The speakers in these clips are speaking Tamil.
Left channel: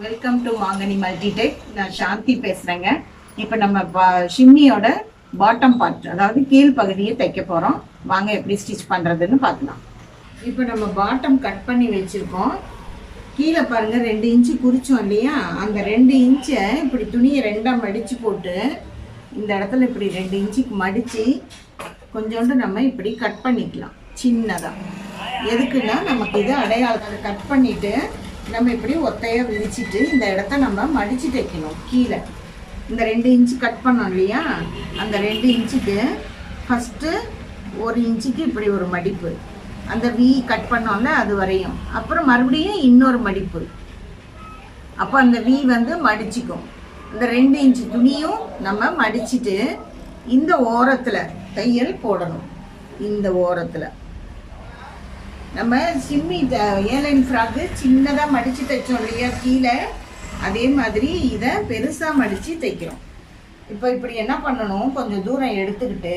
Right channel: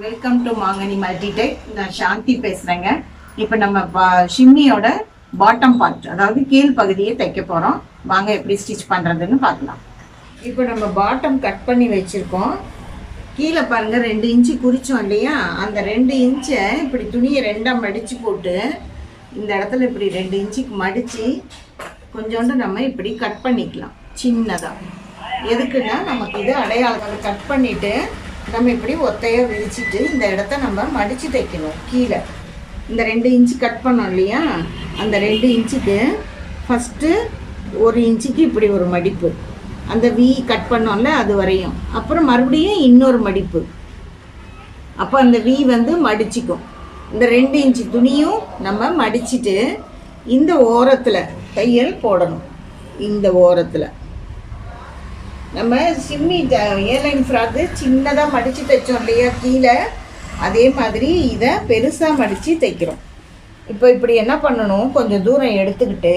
வெல்கம் டு மாங்கனி மல்டிடெக். நான் சாந்தி பேசுகிறேங்க. இப்போ நம்ம ஷிம்மியோட பாட்டம் பார்ட், அதாவது கீழ் பகுதியை தைக்க போகிறோம். வாங்க எப்படி ஸ்டிச் பண்ணுறதுன்னு பார்க்கலாம். இப்போ நம்ம பாட்டம் கட் பண்ணி வச்சுருக்கோம். கீழே பாருங்கள், 2 இன்ச்சு குறித்தோம் இல்லையா? அந்த 2 இன்ச்சை இப்படி துணியை 2ஆக மடித்து போட்டு இந்த இடத்துல இப்படி 2 இன்ச்சுக்கு மடித்து கொஞ்சோண்டு நம்ம இப்படி கட் பண்ணிக்கலாம் சின்னதாக. எதுக்குன்னா நமக்கு இது அடையாளத்தை கட் பண்ணிவிட்டு நம்ம இப்படி ஒத்தையாக விரிச்சிட்டு இந்த இடத்த நம்ம மடித்து தைக்கணும். கீழே இந்த 2 இன்ச்சு கட் பண்ணோம் இல்லையா? அந்த 2 இன்ச்சுக்கு ஃபஸ்ட்டு 1 இன்ச்சுக்கு இப்படி ஒரு மடிப்பு, அந்த வி கட் பண்ணோம்ல அது வரையும், அப்புறம் மறுபடியும் இன்னொரு மடிப்பு. அப்போ அந்த வி மடிச்சிக்கும். இந்த 2 இன்ச்சு துணியும் நம்ம மடிச்சுட்டு இந்த ஓரத்தில் தையல் போடணும். இந்த ஓரத்தில் நம்ம சிம்மி ஏலைன் ஃப்ராக்கு சின்னதாக மடித்து தைச்சோம் இல்லையா கீழே, அதே மாதிரி இதை பெருசாக மடித்து தைக்கிறோம். இப்போ இப்படி என்ன பண்ணணும், கொஞ்சம் தூரம் எடுத்துக்கிட்டு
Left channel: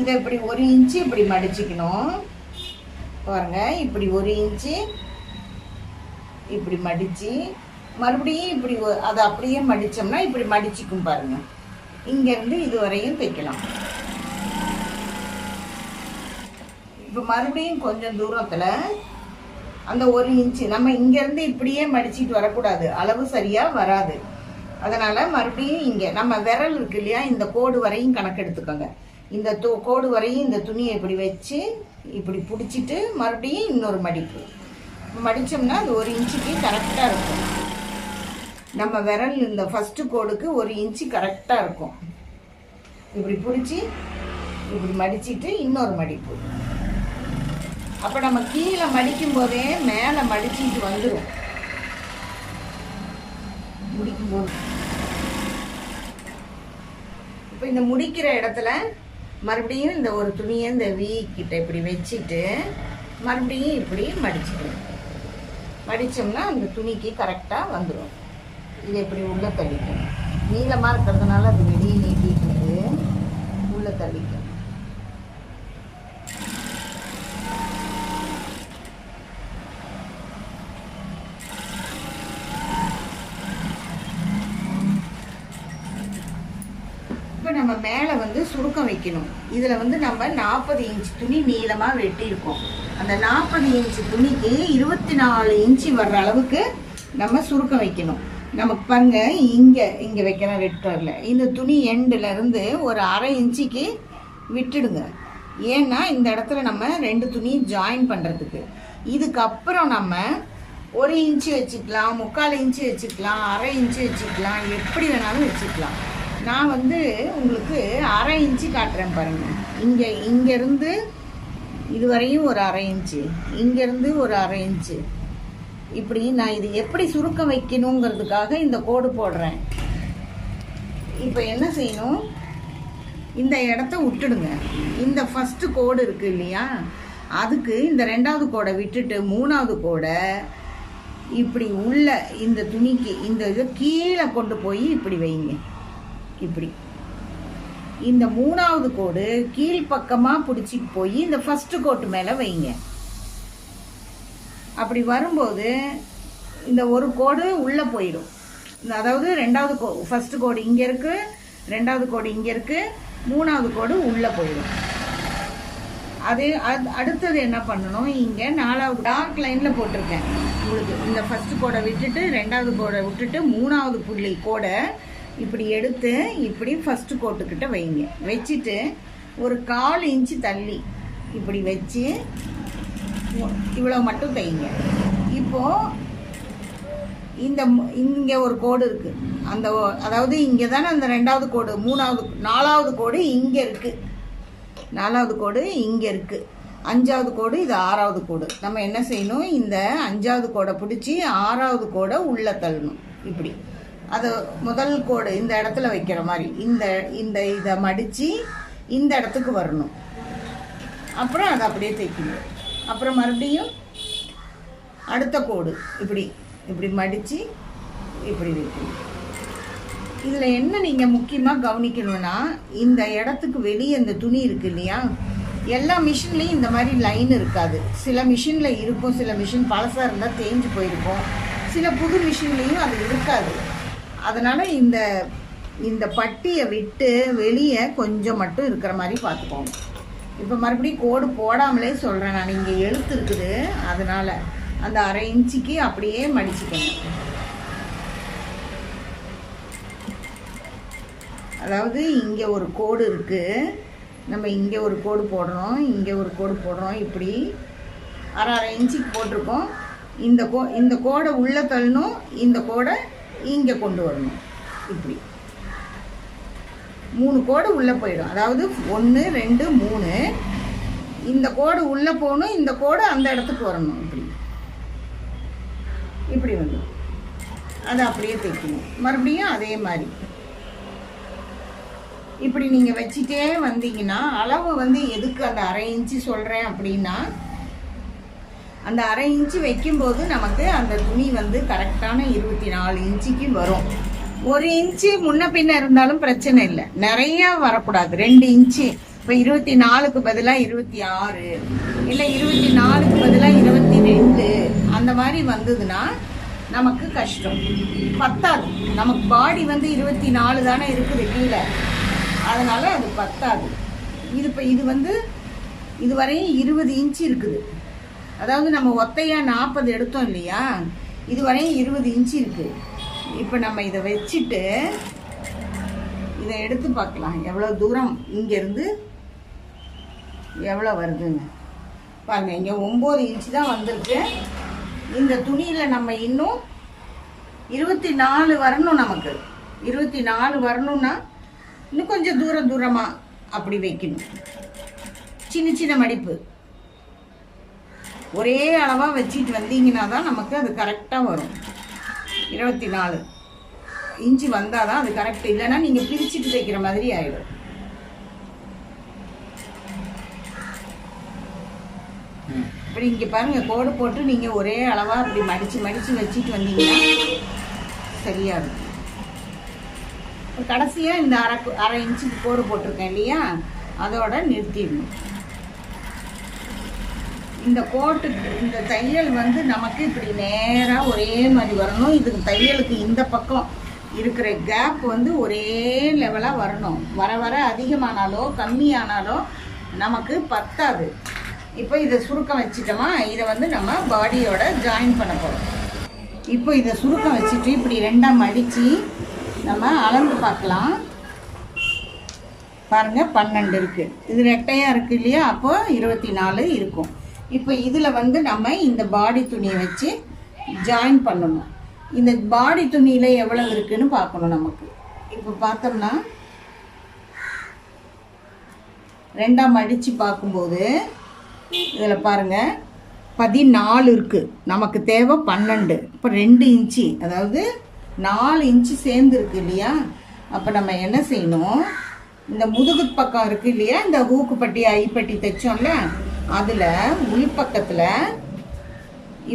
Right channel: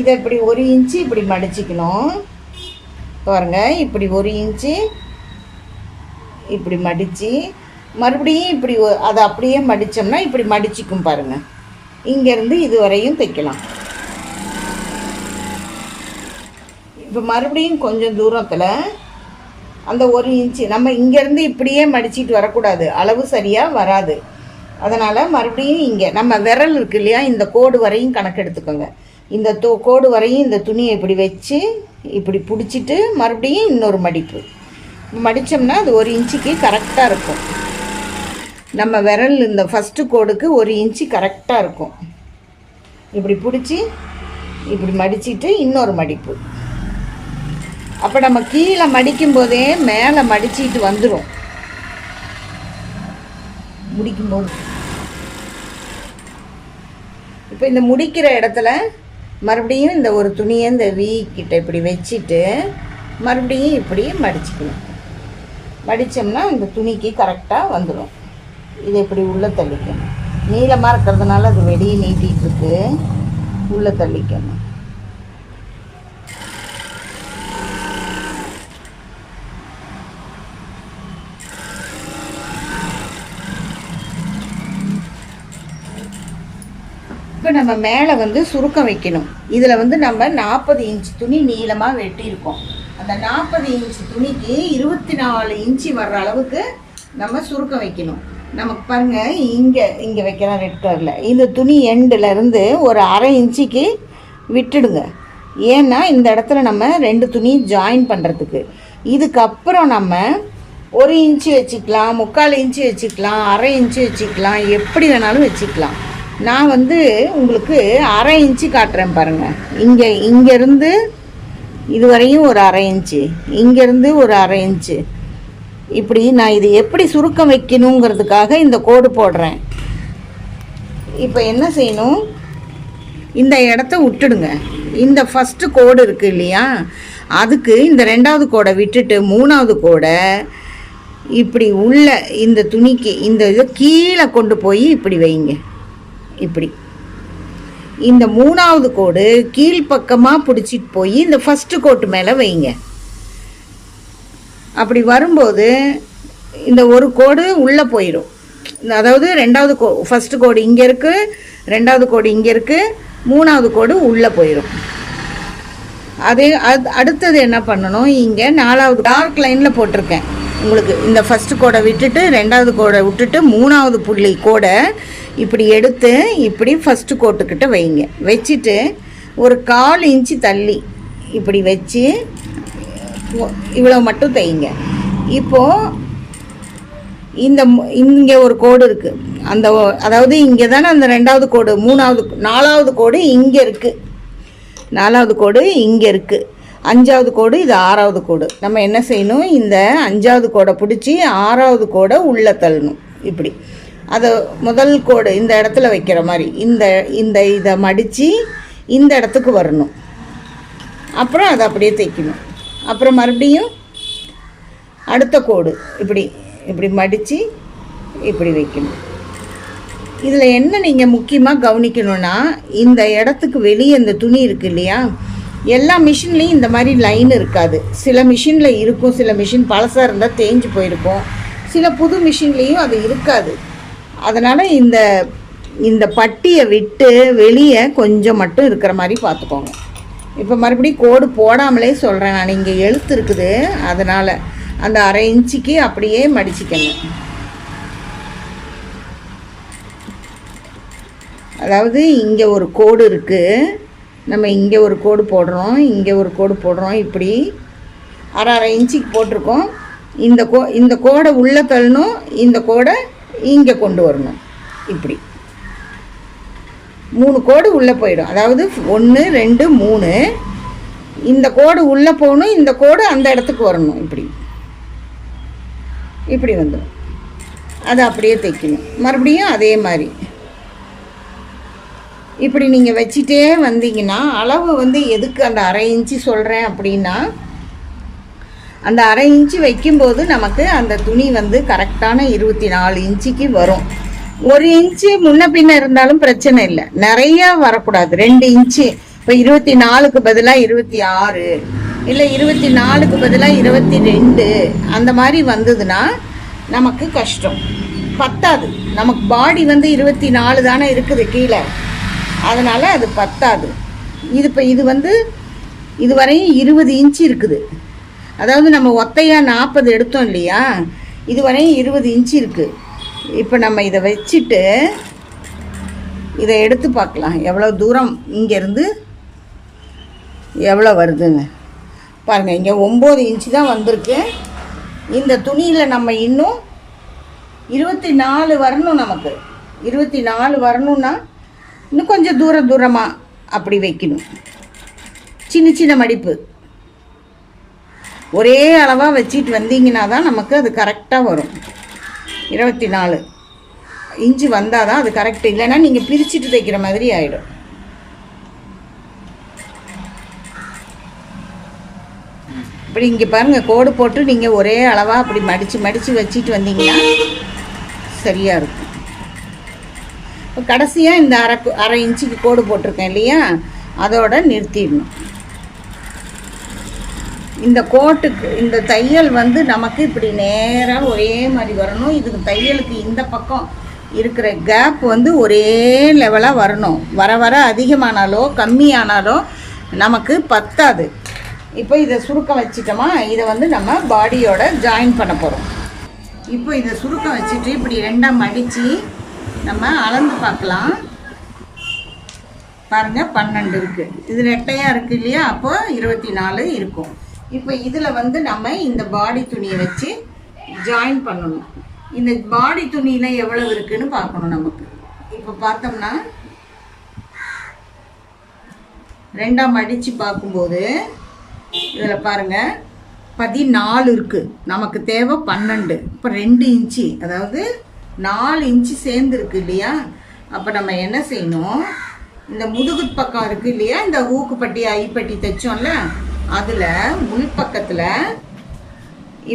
இதை இப்படி 1 இன்ச்சு இப்படி மடிச்சிக்கணும். பாருங்கள், இப்படி 1 இன்ச்சு இப்படி மடித்து மறுபடியும் இப்படி அதை அப்படியே மடித்தோம்னா இப்படி மடிச்சிக்கும். பாருங்கள், இங்கேருந்து இது வரையும் தைக்கலாம். இப்போ மறுபடியும் கொஞ்சம் தூரத்தில் அந்த 1 இன்ச்சு நம்ம இங்கேருந்து இப்படியே மடிச்சிட்டு வரக்கூடாது, அளவு சரியாக வராது. அதனால் மறுபடியும் இங்கே நம்ம விரல் இருக்கு இல்லையா, இந்த கோடு வரையும் கணக்கு எடுத்துக்கோங்க. இந்த கோடு வரையும் இந்த துணியை இப்படி வச்சு இப்படி பிடிச்சிட்டு மறுபடியும் இன்னொரு மடிப்பு மடித்தோம்னா அது 1 இன்ச்சுக்கு கரெக்டாக இருக்கும். நம்ம விரல் இந்த ஃபஸ்ட்டு கோடுக்கு 1 இன்ச்சு கரெக்டாக இருக்கும். இப்படி பிடிச்சி இப்படி மடிச்சிட்டு இன்னொரு மடிப்பு. அப்போ நம்ம கீழே மடிக்கும் போதே மேலே மடிச்சிட்டு வந்துடும். முடிக்கும்போது இப்போ இந்த முடிக்கிற இடத்துல மறுபடியும் இந்த ஒரு துணியை இந்த வி கிட்ட இப்படி வச்சுட்டு மறுபடியும் இப்படி மடிச்சுக்கணும். மடித்தோம்னா இந்த துணிக்கு கரெக்டாக வந்துடும். இதை இப்படி உள்ளே தள்ளிக்கணும். நீளமாக இருக்கிறதுனால அது வெளியே நீட்டிகிட்டு இருக்கு, உள்ளே தள்ளிக்கணும். இப்போ நம்ம மேலே சுருக்கம் வைக்கணும். இதில் நம்ம 40 இன்ச்சு துணி நீளமாக வெட்டியிருக்கோம். அந்த 40 இன்ச்சு துணிக்கு 24 இன்ச்சு வர்ற அளவுக்கு நம்ம சுருக்கம் வைக்கணும். நமக்கு பாருங்கள், இங்கே வைக்கிறோம் ரெட் கலரில். இந்த துணி எண்டுலேருந்து ஒரு 1/2 இன்ச்சுக்கு விட்டுடுங்க. ஏன்னா இந்த இடத்துல நம்ம 2 துணி ஜாயின் பண்ணுறதுக்கு. இதுக்கப்புறம் நம்ம 1 இன்ச்சு வச்சுக்கலாம், 3/4 இன்ச்சு வச்சுக்கலாம், 1/2 இன்ச்சு வச்சுக்கலாம், எப்படி வேணாலும் வச்சுக்கலாம். நான் உங்களுக்கு 1/2 இன்ச்சு காட்டுறேன் பாருங்கள். இங்கேருந்து இது வரையும் ஒரு 1/2 இன்ச்சு, இங்கேருந்து ஒரு 1/2 இன்ச்சு, இப்படி நான் இது எப்படி சுருக்கம் வைக்கணுங்கிறதுக்காக இந்த கோடு போடுறேன். இப்போ என்ன செய்யணும், இந்த இடத்த விட்டுடுங்க. இந்த ஃபஸ்ட்டு கோடு இருக்குது இல்லையா, அதுக்கு இந்த 2வது கோடை விட்டுட்டு 3வது கோடை இப்படி உள்ள இந்த துணிக்கு இந்த இதை கீழே கொண்டு போய் இப்படி வைங்க. இப்படி இந்த 3வது கோடு கீழ்ப்பக்கமாக பிடிச்சிட்டு போய் இந்த ஃபஸ்ட்டு கோட்டு மேலே வைங்க. அப்படி வரும்போது இந்த ஒரு கோடு உள்ளே போயிடும். அதாவது 2வது ஃபஸ்ட்டு கோடு இங்கே இருக்குது, 2வது கோடு இங்கே இருக்குது, 3வது கோடு உள்ளே போயிடும். அடுத்தது என்ன பண்ணணும், இங்கே 4வது டார்க் லைனில் போட்டிருக்கேன் உங்களுக்கு. இந்த ஃபஸ்ட்டு கோடை விட்டுட்டு 2வது கோடை விட்டுட்டு 3வது புள்ளி கோடை இப்படி எடுத்து இப்படி ஃபஸ்ட்டு கோட்டுக்கிட்ட வைங்க. வச்சுட்டு ஒரு 1/4 இன்ச்சு தள்ளி இப்படி வச்சு இவ்வளோ மட்டும் தைங்க. இப்போது இங்கே ஒரு கோடு இருக்குது, அதாவது இங்கே தானே அந்த 2வது கோடு, 4வது கோடு இங்கே இருக்குது, 4வது கோடு இங்கே இருக்குது, 5வது கோடு இது 6வது கோடு. நம்ம என்ன செய்யணும், இந்த 5வது கோடை பிடிச்சி 6வது கோடை உள்ளே தள்ளணும். இப்படி அதை முதல் கோடு இந்த இடத்துல வைக்கிற மாதிரி இதை மடித்து இந்த இடத்துக்கு வரணும். அப்புறம் அதை அப்படியே தைக்கணும். அப்புறம் மறுபடியும் அடுத்த கோடு இப்படி இப்படி மடித்து இப்படி வைக்கணும். இதில் என்ன நீங்கள் முக்கியமாக கவனிக்கணும்னா, இந்த இடத்துக்கு வெளியே இந்த துணி இருக்குது இல்லையா, எல்லா மிஷின்லேயும் இந்த மாதிரி லைன் இருக்காது. சில மிஷினில் இருக்கும், சில மிஷின் பழசாக இருந்தால் தேஞ்சு போயிருக்கும், சில புது மிஷின்லேயும் அது இருக்காது. அதனால் இந்த பட்டியை விட்டு வெளியே கொஞ்சம் மட்டும் இருக்கிற மாதிரி பார்த்துக்கோங்க. இப்போ மறுபடியும் கோடு போடாமலே சொல்கிறேன் நான், இங்கே எழுத்து இருக்குது, அதனால் அந்த 1/2 இன்ச்சுக்கு அப்படியே மடிச்சுக்கணும். அதாவது இங்கே ஒரு கோடு இருக்குது, நம்ம இங்கே ஒரு கோடு போடுறோம், இங்கே ஒரு கோடு போடுறோம், இப்படி 1/2 இன்ச்சுக்கு போட்டிருக்கோம். இந்த கோடை உள்ளே தள்ளணும், இந்த கோடை இங்கே கொண்டு வரணும். இப்படி 3 கோடு உள்ளே போயிடும். அதாவது 1 2 3 இந்த கோடு உள்ளே போகணும், இந்த கோடு அந்த இடத்துக்கு வரணும். இப்படி வந்துடும். அதை அப்படியே தைக்கணும். மறுபடியும் அதே மாதிரி இப்படி நீங்கள் வச்சிட்டே வந்தீங்கன்னா, அளவு வந்து எதுக்கு அந்த 1/2 இன்ச்சு சொல்கிறேன் அப்படின்னா, அந்த 1/2 இன்ச்சு வைக்கும்போது நமக்கு அந்த துணி வந்து கரெக்டான 24 இன்ச்சுக்கு வரும். 1 இன்ச்சு முன்ன பின்ன இருந்தாலும் பிரச்சனை இல்லை, நிறையா வரக்கூடாது. 2 இன்ச்சு, இப்போ 24க்கு பதிலாக 26, இல்லை 24க்கு பதிலாக 22 அந்த மாதிரி வந்ததுன்னா நமக்கு கஷ்டம், பத்தாது. நமக்கு பாடி வந்து 24 தானே இருக்குது கீழே, அதனால் அது பத்தாது. இது வந்து இதுவரையும் 20 இன்ச்சு இருக்குது. அதாவது நம்ம ஒத்தையாக 40 எடுத்தோம் இல்லையா, இதுவரையும் 20 இன்ச்சு இருக்குது. இப்போ நம்ம இதை வச்சுட்டு இதை எடுத்து பார்க்கலாம் எவ்வளோ தூரம் இங்கேருந்து எவ்வளோ வருதுன்னு பாருங்கள். இங்கே 9 இன்ச்சு தான் வந்திருக்கு. இந்த துணியில் நம்ம இன்னும் 24 வரணும். நமக்கு 24 வரணும்னா இன்னும் கொஞ்சம் தூரமாக அப்படி வைக்கணும். சின்ன மடிப்பு ஒரே அளவாக வச்சிட்டு வந்தீங்கன்னா தான் நமக்கு அது கரெக்டாக வரும். 24 இன்ச்சு வந்தால் தான் அது கரெக்ட், இல்லைன்னா நீங்கள் பிரிச்சுட்டு தைக்கிற மாதிரி ஆகிடும். இப்படி இங்கே பாருங்கள், கோடு போட்டு நீங்கள் ஒரே அளவாக அப்படி மடித்து வச்சிட்டு வந்தீங்கன்னா சரியாக இருக்கும். இப்போ கடைசியாக இந்த 1/2 இன்ச்சுக்கு கோடு போட்டிருக்கேன் இல்லையா, அதோட நிறுத்திடணும். இந்த கோட்டுக்கு இந்த தையல் வந்து நமக்கு இப்படி நேராக ஒரே மாதிரி வரணும். இதுக்கு தையலுக்கு இந்த பக்கம் இருக்கிற கேப் வந்து ஒரே லெவலாக வரணும். வர அதிகமானாலோ கம்மியானாலோ நமக்கு பத்தாது. இப்போ இதை சுருக்கம் வச்சிட்டோமா, இதை வந்து நம்ம பாடியோட ஜாயின் பண்ண போகிறோம். இப்போ இதை சுருக்கம் வச்சுட்டு இப்படி 2ஆக மடித்து நம்ம அளந்து பார்க்கலாம். பாருங்கள் 12 இருக்குது. இது ரெட்டையாக இருக்குது இல்லையா, அப்போ 24 இருக்கும். இப்போ இதில் வந்து நம்ம இந்த பாடி துணியை வச்சு ஜாயின் பண்ணணும். இந்த பாடி துணியில் எவ்வளவு இருக்குன்னு பார்க்கணும் நமக்கு. இப்போ பார்த்தோம்னா 2ஆக மடித்து பார்க்கும்போது இதில் பாருங்கள் 14 இருக்குது. நமக்கு தேவை 12. இப்போ 2 இன்ச்சு, அதாவது 4 இன்ச்சு சேர்ந்துருக்கு இல்லையா. அப்போ நம்ம என்ன செய்யணும், இந்த முதுகு பக்கம் இருக்குது இல்லையா, இந்த ஹூக்கு பட்டி ஐப்பட்டி தைச்சோம்ல, அதில் உள்பக்கத்தில்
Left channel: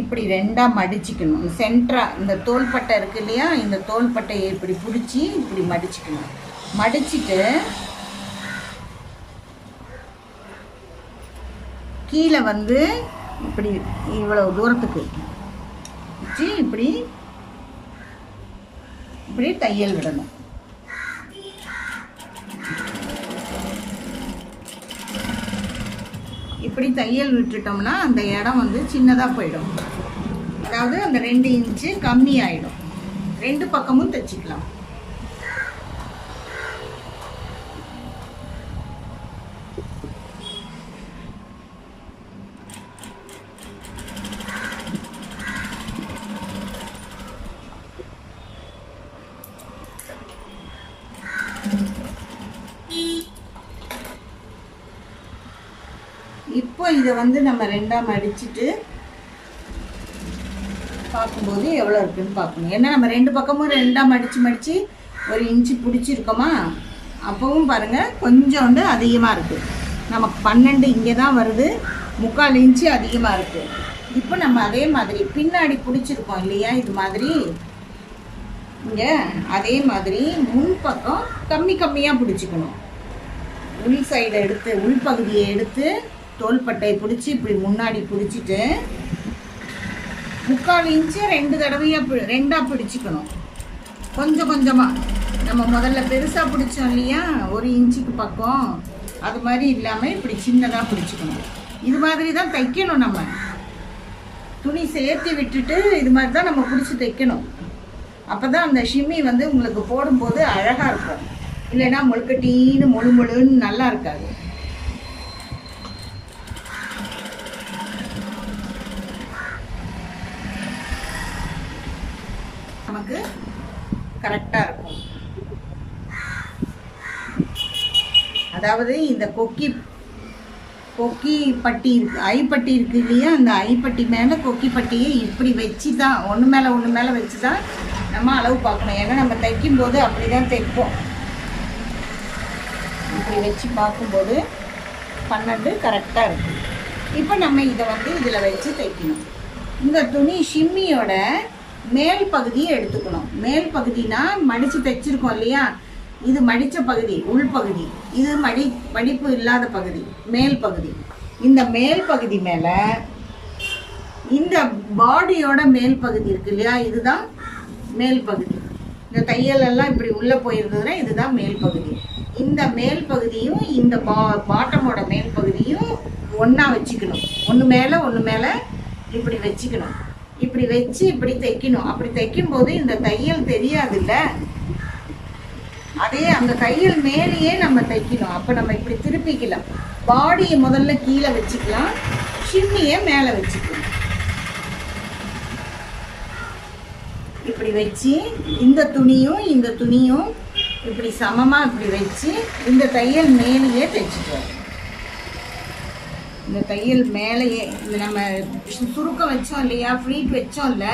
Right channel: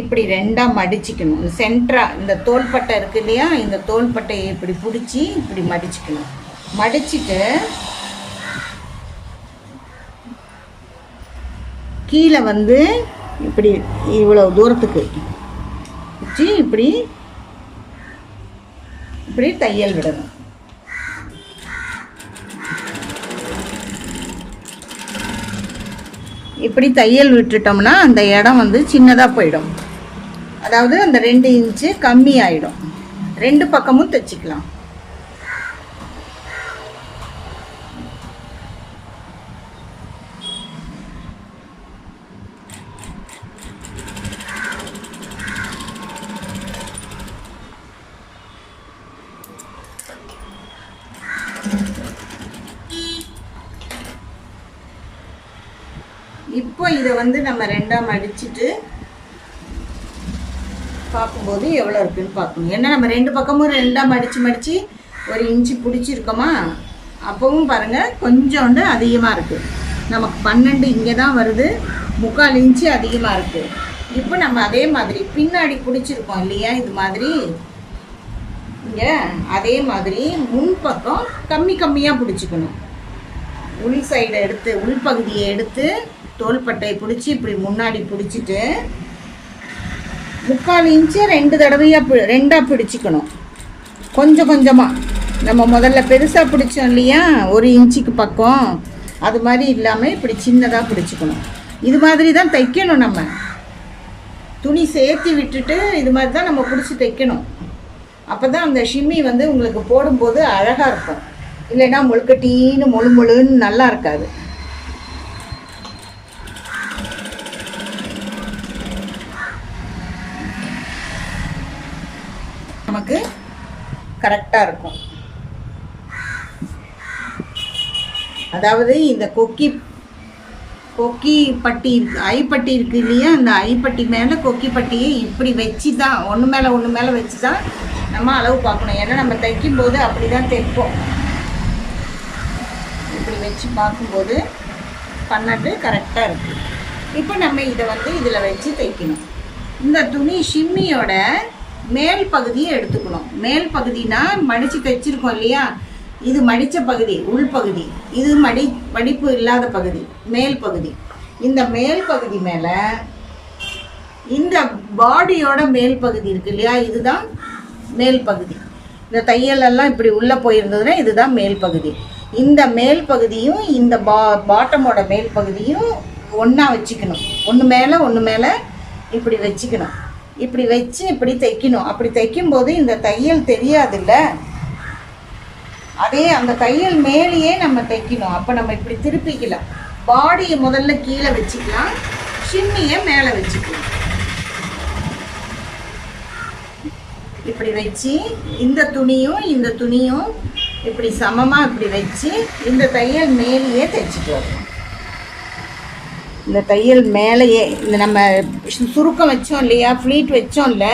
இப்படி 2ஆக மடிச்சுக்கணும். சென்டராக இந்த தோள்பட்டை இருக்குது இல்லையா, இந்த தோள்பட்டையை இப்படி பிடிச்சி இப்படி மடிச்சுக்கணும். மடிச்சுட்டு கீழே வந்து இப்படி இவ்வளோ தூரத்துக்கு வச்சு இப்படி தையல் விடணும். இப்படி தையல் விட்டுட்டோம்னா அந்த இடம் வந்து சின்னதாக போயிடும். அதாவது அந்த 2 இன்ச்சு கம்மி ஆகிடும். 2 பக்கமும் தைச்சிக்கலாம். இப்போ இதை வந்து நம்ம 2ஆக மடிச்சுட்டு பார்க்கும்போது எவ்வளோ இருக்குன்னு பார்க்கணும். ஏன்னா நம்ம 2 பக்கமும் 2ஆக மடித்து 1 இன்ச்சு பிடிச்சிருக்கோமா, அப்போவும் பாருங்கள் கொஞ்சோண்டு அதிகமாக இருக்குது. நமக்கு 12 இங்கே தான் வருது, 3/4 இன்ச்சு அதிகமாக இருக்குது. இப்போ நம்ம அதே மாதிரி பின்னாடி பிடிச்சிருக்கோம் இல்லையா, இது மாதிரி இங்கே அதே மாதிரி முன்பக்கம் கம்மியாக பிடிச்சிக்கணும். உள் சைடை எடுத்து, உள்பகுதியை எடுத்து தோள்பட்டையை பிடிச்சி இப்படி முன்னாடி பிடிச்சிட்டு 3/4 இன்ச்சு 2 தடவையாக ரெண்டாக பிடிச்சிக்கணும். கொஞ்சம் கொஞ்சமாக நம்ம முதல்ல பெருசாக பிடிச்சோம் இல்லையா 1 இன்ச்சுக்கு பக்கம், அது மாதிரி இல்லாமல் இப்படி சின்னதாக பிடிச்சிக்கணும். இது மாதிரி தான் தைக்கணும். நம்ம துணி சேர்த்து விட்டுட்டு இது மாதிரி தான் நம்ம பிடிச்சி தைக்கணும். அப்போ தான் அந்த ஷிம்மி வந்து உங்களுக்கு போடும்போது அழகாக இருக்கும். இல்லைன்னா முழுக்கட்டின்னு முழுன்னு நல்லா இருக்காது. நமக்கு கரெக்டாக இருக்கும். அதாவது இந்த கொக்கி பட்டி இருக்குது, ஐப்பட்டி இருக்குது இல்லையா, அந்த ஐப்பட்டி மேலே கொக்கி பட்டியை இப்படி வச்சு தான் ஒன்று மேலே வச்சு தான் நம்ம அளவு பார்க்கணும். ஏன்னா நம்ம தைக்கும்போது அப்படி தான் தைப்போம். இப்படி வச்சு பார்க்கும்போது 12 கரெக்டாக இருக்குது. இப்போ நம்ம இதை வந்து இதில் வச்சு தைக்கணும். இந்த துணி ஷிம்மியோட மேல் பகுதியை எடுத்துக்கணும். மேல் பகுதினா மடித்து தைச்சிருக்கோம் இல்லையா, இது மடித்த பகுதி, உள்பகுதி. இது மடிப்பு இல்லாத பகுதி, மேல் பகுதி. இந்த மேல் பகுதி மேலே இந்த பாடியோட மேல் பகுதி இருக்கு இல்லையா, இதுதான் மேல் பகுதி. இந்த தையலெல்லாம் இப்படி உள்ளே போயிருந்ததுன்னா இதுதான் மேல் பகுதி. இந்த மேல் பகுதியும் இந்த பாட்டமோட மேல் பகுதியும் ஒன்றா வச்சுக்கணும். ஒன்று மேலே இப்படி வச்சுக்கணும். இப்படி வச்சு இப்படி தைக்கணும். அப்படி தைக்கும்போது இந்த தையல் தெரியாதுல்ல, அதே அந்த தையல் மேலேயே நம்ம தைக்கணும். அப்போ நம்ம இப்படி திருப்பிக்கலாம். பாடியை முதல்ல கீழே வச்சுக்கலாம், ஷிம்மியை மேலே வச்சுக்கலாம். இப்படி வச்சு இந்த துணியும் இப்படி சமமாக இப்படி வச்சு இந்த தையல் மேலேயே தைச்சிட்டு வரும். இந்த தையல் மேலேயே இந்த நம்ம சுருக்கம் வச்சோம் இல்லையா, ஃப்ளீட் வச்சோம்ல,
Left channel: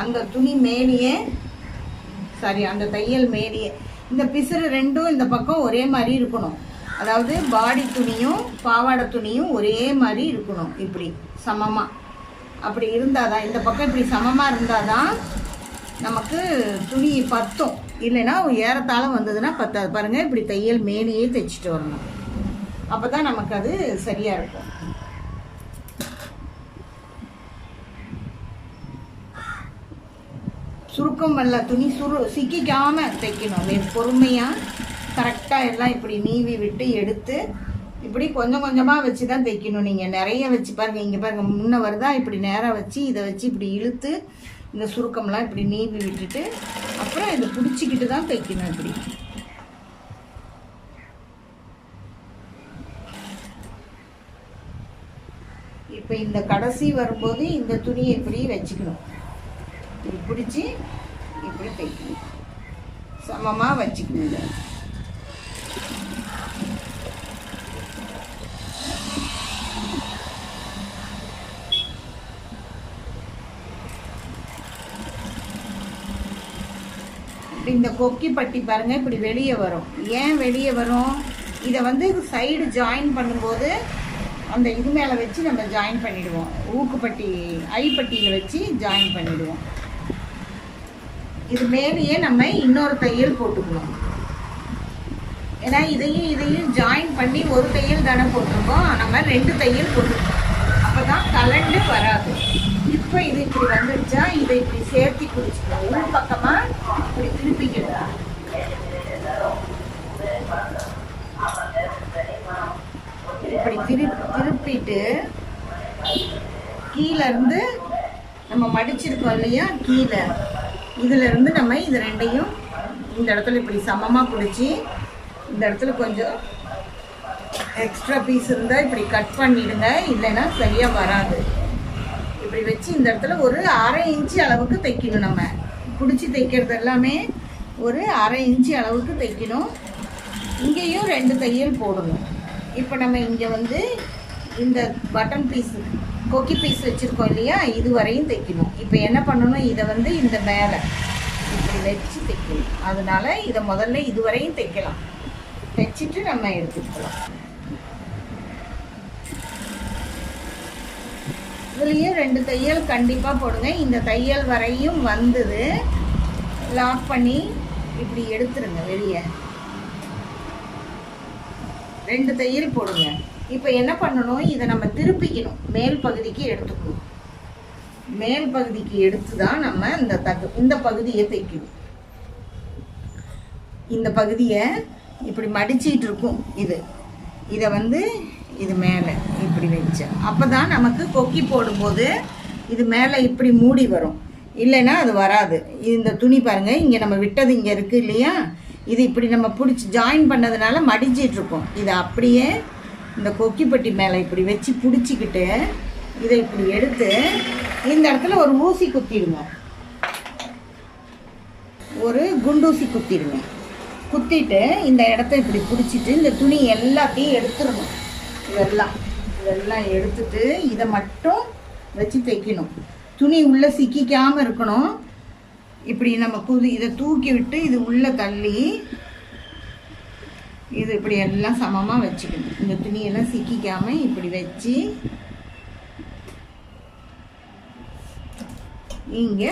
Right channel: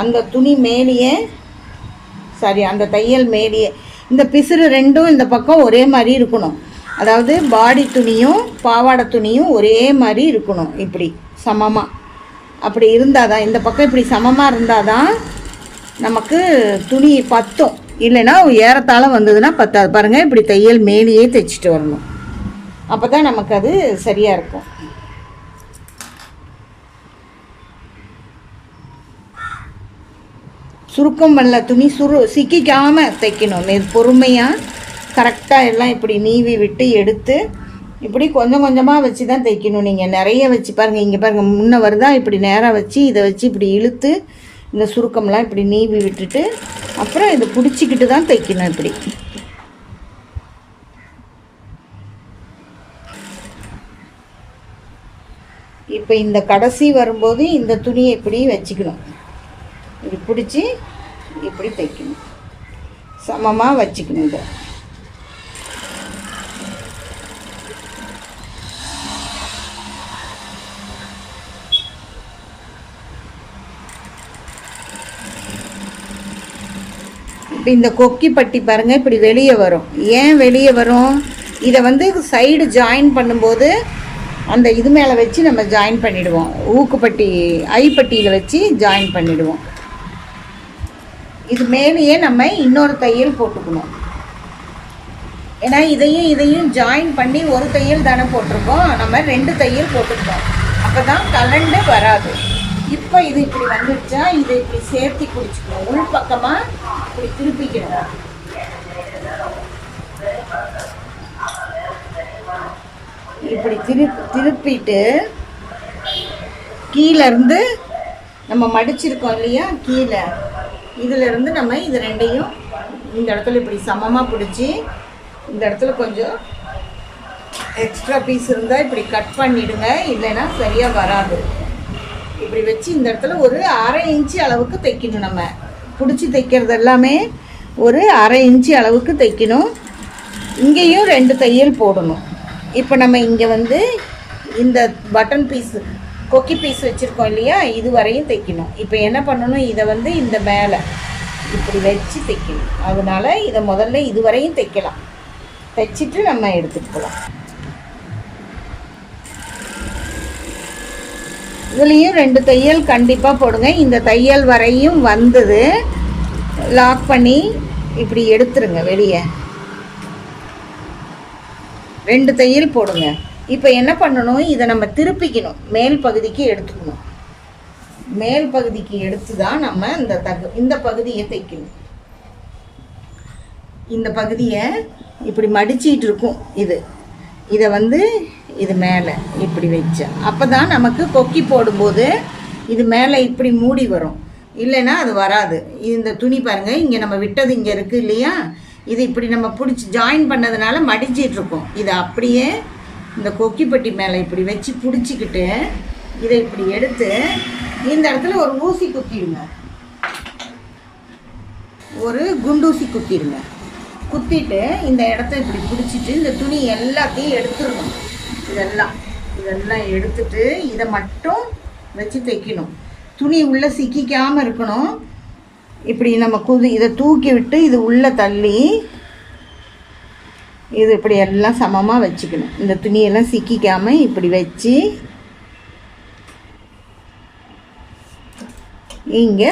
அந்த துணி மேலேயே அந்த தையல் மேலேயே இந்த பிசுறு ரெண்டும் இந்த பக்கம் ஒரே மாதிரி இருக்கணும். அதாவது பாடி துணியும் பாவாடை துணியும் ஒரே மாதிரி இருக்கணும், இப்படி சமமாக. அப்படி இருந்தால் தான், இந்த பக்கம் இப்படி சமமாக இருந்தால் தான் நமக்கு துணி பத்தும். இல்லைன்னா ஏறத்தாழ வந்ததுன்னா பத்தாது. பாருங்கள், இப்படி தையல் மேலேயே தைச்சிட்டு வரணும். அப்போ தான் நமக்கு அது சரியாக இருக்கும். சுருக்கம் பண்ணல துணி சிக்கிக்காமல் தைக்கணும். பொறுமையாக கரெக்டாக எல்லாம் இப்படி நீவி விட்டு எடுத்து இப்படி கொஞ்சம் கொஞ்சமாக வச்சு தான் தைக்கணும். நீங்கள் நிறைய வச்சு பாருங்கள், இங்கே பாருங்கள், முன்ன வருதா, இப்படி நேராக வச்சு இதை வச்சு இப்படி இழுத்து இந்த சுருக்கம்லாம் இப்படி நீவி விட்டுட்டு அப்புறம் இதை பிடிச்சிக்கிட்டு தான் தைக்கணும். இப்படி இப்போ இந்த கடைசி வரும்போது இந்த துணியை இப்படி வச்சுக்கணும். இப்படி பிடிச்சி இப்படி தைக்கணும், சமமாக வச்சுக்கணும். இதை இப்போ இந்த கொக்கி பட்டி பாருங்கள் இப்படி வெளியே வரும். ஏன் வெளியே வரும்? இதை வந்து சைடு ஜாயின் பண்ணும்போது அந்த இது மேலே வச்சு நம்ம ஜாயின் பண்ணிவிடுவோம். ஊக்குப்பட்டி ஐப்பட்டியில் வச்சு ஜாயின் பண்ணிவிடுவோம். இது மேலேயே நம்ம இன்னொரு தையல் போட்டுக்கணும். ஏன்னா இதையும் ஜாயின் பண்ணி ஒரு தையல் தானே போட்டிருக்கோம், நம்ம 2 தையல் போட்டுருக்கோம். அப்போ தான் கலண்டு வராது. இப்போ இது இப்படி வந்துடுச்சா, இதை இப்படி சேர்த்தி பிடிச்சிக்கணும். உள் பக்கமாக இப்படி திருப்பிக்கணும். இப்படி திருப்பிட்டு கீழேருந்து நம்ம மடிச்சிருக்கோம் இல்லையா, கீழே இதிலேருந்து நம்ம இது ரெண்டையும் இந்த இடத்துல இப்படி சமமாக பிடிச்சி இந்த இடத்துல கொஞ்சம் எக்ஸ்ட்ரா பீஸ் இருந்தால் இப்படி கட் பண்ணிவிடுங்க, இல்லைன்னா சரியாக வராது. இப்படி வச்சு இந்த இடத்துல ஒரு 1/2 இன்ச்சு அளவுக்கு தைக்கணும். நம்ம பிடிச்சி தைக்கிறது எல்லாமே ஒரு 1/2 இன்ச்சு அளவுக்கு தைக்கணும். இங்கேயும் 2 தையல் போடணும். இப்போ நம்ம இங்கே வந்து இந்த பட்டன் பீஸு கொக்கி பீஸ் வச்சுருக்கோம் இல்லையா, இது வரையும் தைக்கணும். இப்போ என்ன பண்ணணும், இதை வந்து இந்த மேலே இப்படி வச்சு தைக்கணும். அதனால் இதை முதல்ல இது வரையும் தைக்கலாம். தைச்சிட்டு நம்ம எடுத்துக்கலாம். இதுலேயும் 2 தையல் கண்டிப்பாக போடுங்க. இந்த தையல் வரையும் வந்தது லாக் பண்ணி இப்படி எடுத்துருங்க வெளியே. 2 தையல் போடுங்க. இப்போ என்ன பண்ணணும், இதை நம்ம திருப்பிக்கணும், மேல் பகுதிக்கு எடுத்துக்கணும். மேல் பகுதிக்கு எடுத்து தான் நம்ம இந்த பகுதியை தைக்கணும். இந்த பகுதியை இப்படி மடிச்சிட்டு இருக்கும். இதை வந்து இது மேலே இப்படி வச்சா அப்போ தான் நமக்கு கொக்கி போடும்போது இது மேலே இப்படி மூடி வரும். இல்லைன்னா அது வராது. இந்த துணி பாருங்கள், இங்கே நம்ம விட்டது இங்கே இருக்குது இல்லையா, இது இப்படி நம்ம பிடிச்சி ஜாயின் பண்ணதுனால மடிச்சிட்ருக்கோம். இதை அப்படியே இந்த கொக்கிப்பட்டி மேலே இப்படி வச்சு பிடிச்சிக்கிட்டு இதை இப்படி எடுத்து இந்த இடத்துல ஒரு ஊசி குத்திடுங்க, ஒரு குண்டூசி குத்திடுங்க. குத்திட்டு இந்த இடத்த இப்படி பிடிச்சிட்டு இந்த துணி எல்லாத்தையும் எடுத்துடணும். இதெல்லாம் எடுத்துட்டு இதை மட்டும் வச்சு தைக்கணும். துணி உள்ளே சிக்கிக்காமல் இருக்கணும். இப்படி நம்ம இதை தூக்கி விட்டு இது உள்ளே தள்ளி இது இப்படி எல்லாம் சமமாக வச்சுக்கணும். இந்த துணியெல்லாம் சிக்கிக்காமல் இப்படி வச்சு இங்கே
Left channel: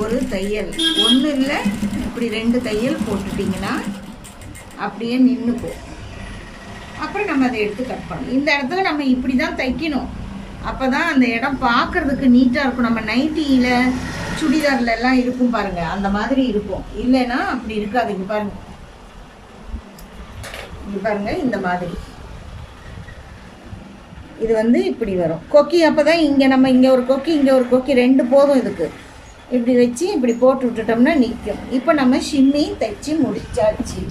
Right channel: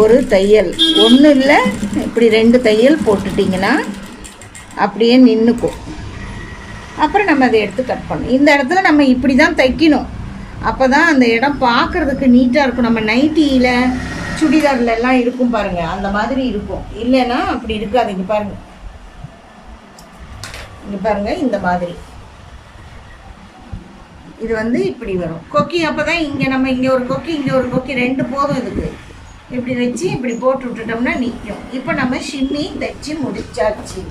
ஒரு தையல், ஒன்றும் இல்லை இப்படி 2 தையல் போட்டுட்டிங்கன்னா அப்படியே நின்றுக்கும். அப்புறம் நம்ம அதை எடுத்து கட் பண்ணணும். இந்த இடத்துல நம்ம இப்படி தான் தைக்கணும். அப்போ தான் அந்த இடம் பார்க்குறதுக்கு நீட்டாக இருக்கும். நம்ம நைட்டியில் சுடிதாரில் எல்லாம் இருக்கும் பாருங்கள், அந்த மாதிரி இருக்கும். இல்லைன்னா அப்படி இருக்காது. இங்கே பாருங்கள் இந்த மாதிரி இது வந்து இப்படி வரும் கொக்கி. அப்போ தான் இங்கே ஒரு கொக்கி, இங்கே ஒரு கொக்கி, 2 போதும். இதுக்கு இப்படி வச்சு இப்படி போட்டு விட்டுட்டோம்னா நிற்கும். இப்போ நம்ம ஷிம்மி தைச்சி முடிச்சாச்சு.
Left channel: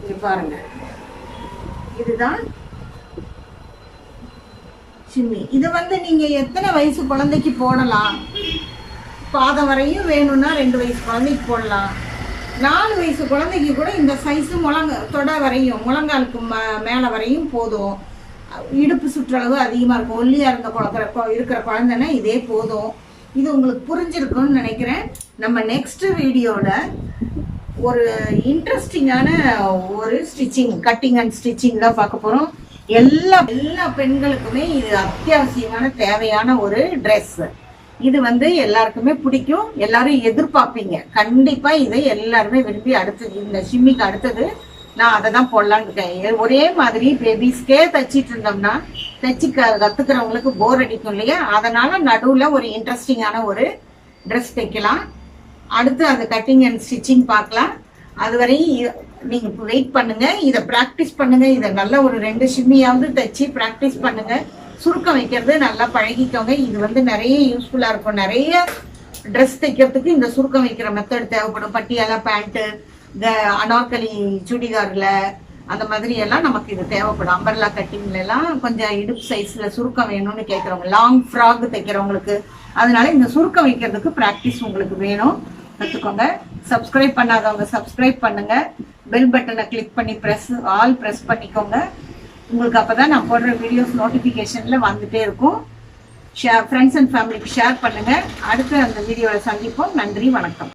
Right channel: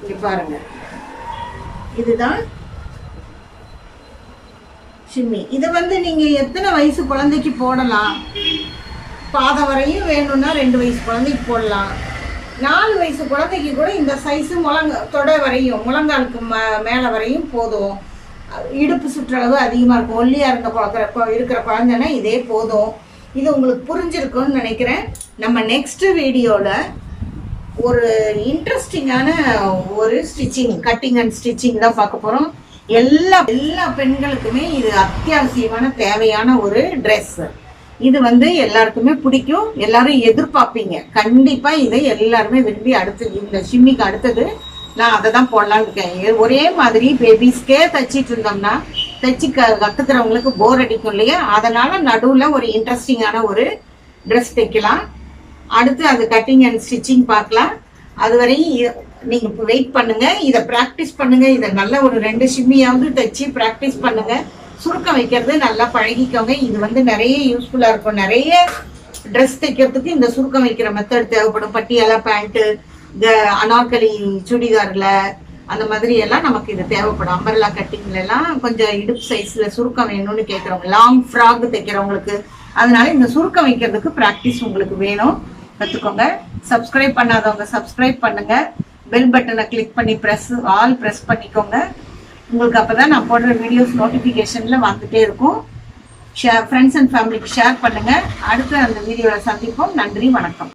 இங்கே பாருங்கள், இதுதான் ஷிம்மி. இது வந்து நீங்கள் எத்தனை வயசு குழந்தைக்கு போடலாம். பாதம் வரையும் வேணும்னா 2 வயசு குழந்தைக்கு போடலாம். 4 வயசு குழந்தைக்கு கூட இந்த சைஸு தொடை வரையும், முழங்காலுக்கு மேலே வரையும் போதும். இடுப்பு சுற்றளவு அதிகமாக இருக்கும். ஒல்லியாக இருக்கிற குழந்தைன்னா இதே போதும். இது உங்களுக்கு புரிஞ்சிருக்கும்னு நினைக்கிறேன். நம்ம நெக்ஸ்ட் வீடியோவில் ஒரு இன்ட்ரெஸ்டிங்கான ஒரு ஸ்டிச்சிங், கட்டிங் அண்ட் ஸ்டிச்சிங் தான் பார்க்க போகிறோம். எல்லா பெண்களுக்குமே இது அத்தியாவசியமான தேவையான ஒரு ட்ரெஸ். இது வந்து எல்லாருக்குமே பிடிக்கும், எல்லாரும் எதிர்பார்ப்பீங்க. கண்டிப்பாக இதை எல்லாருமே விரும்பி இந்த ஷிம்மிக்கு அடுத்தது நான் அதை தான் போடலான்னு இருக்கேன். ஒரே மாதிரி பேபிஸ்க்கே தைச்சிட்டு இருந்தோம்னா கற்றுக்கிறவங்களுக்கு போர் அடிக்கும் இல்லையா, அதனால நடுவில் ஒரு இன்ட்ரெஸ்டிங்கான ஒரு ட்ரெஸ் தைக்கலாம். அடுத்து அது கட்டிங் அண்ட் ஸ்டிச்சிங் பார்க்கலாம். அதுவரை நீங்கள் வெயிட் பண்ணுங்கள், இதை ப்ராக்டிஸ் பண்ணுங்கள். இதை நல்லா ஒரு 2 ஷிம்மியாவது தைச்சி ப்ராக்டிஸ் பண்ணுங்கள். சுருக்கம் வைக்கிறது நல்லா பழகிக்கோங்க. இது வந்து நிறைய யூஸ்ஃபுல்லாக இருக்கும். நிறைய ட்ரெஸ் தைக்கிறதுக்கு இந்த சுருக்கம் வைக்கிற மெத்தட் தேவைப்படும். பட்டியாலா பேண்ட்டு, அனார்கலி சுடிதாரில் அந்த மாதிரி எல்லாம் நமக்கு இது தேவைப்படும். அம்பர்லா கட்டிங்லாம் கொஞ்சம் இடுப்பு சைஸில் சுருக்கம் வேணும்னு கேட்குறவங்க, லாங் ஃப்ராக் தைக்கிறவங்களுக்கு, அதனால இந்த சுருக்கம் வைக்கிறதுக்கு ப்ராக்டிஸ் உங்களுக்கு வேணும், கற்றுக்கோங்க. சப்ஸ்கிரைப் பண்ணாதவங்க சப்ஸ்கிரைப் பண்ணுங்கள். பெல் பட்டனை கிளிக் பண்ணி ஆல் ப்ரெஸ் பண்ணிக்கோங்க. உங்களுக்கு அப்போ தான் நான் போடுற வீடியோஸ் நோட்டிஃபிகேஷனில் வந்துகிட்டே இருக்கும். ஃப்ரெண்ட்ஸ் அண்ட் ஃபேமிலிக்கு ஷேர் பண்ணுங்கள். அடுத்து அந்த வீடியோவில் சந்திப்போம். நன்றி, வணக்கம்.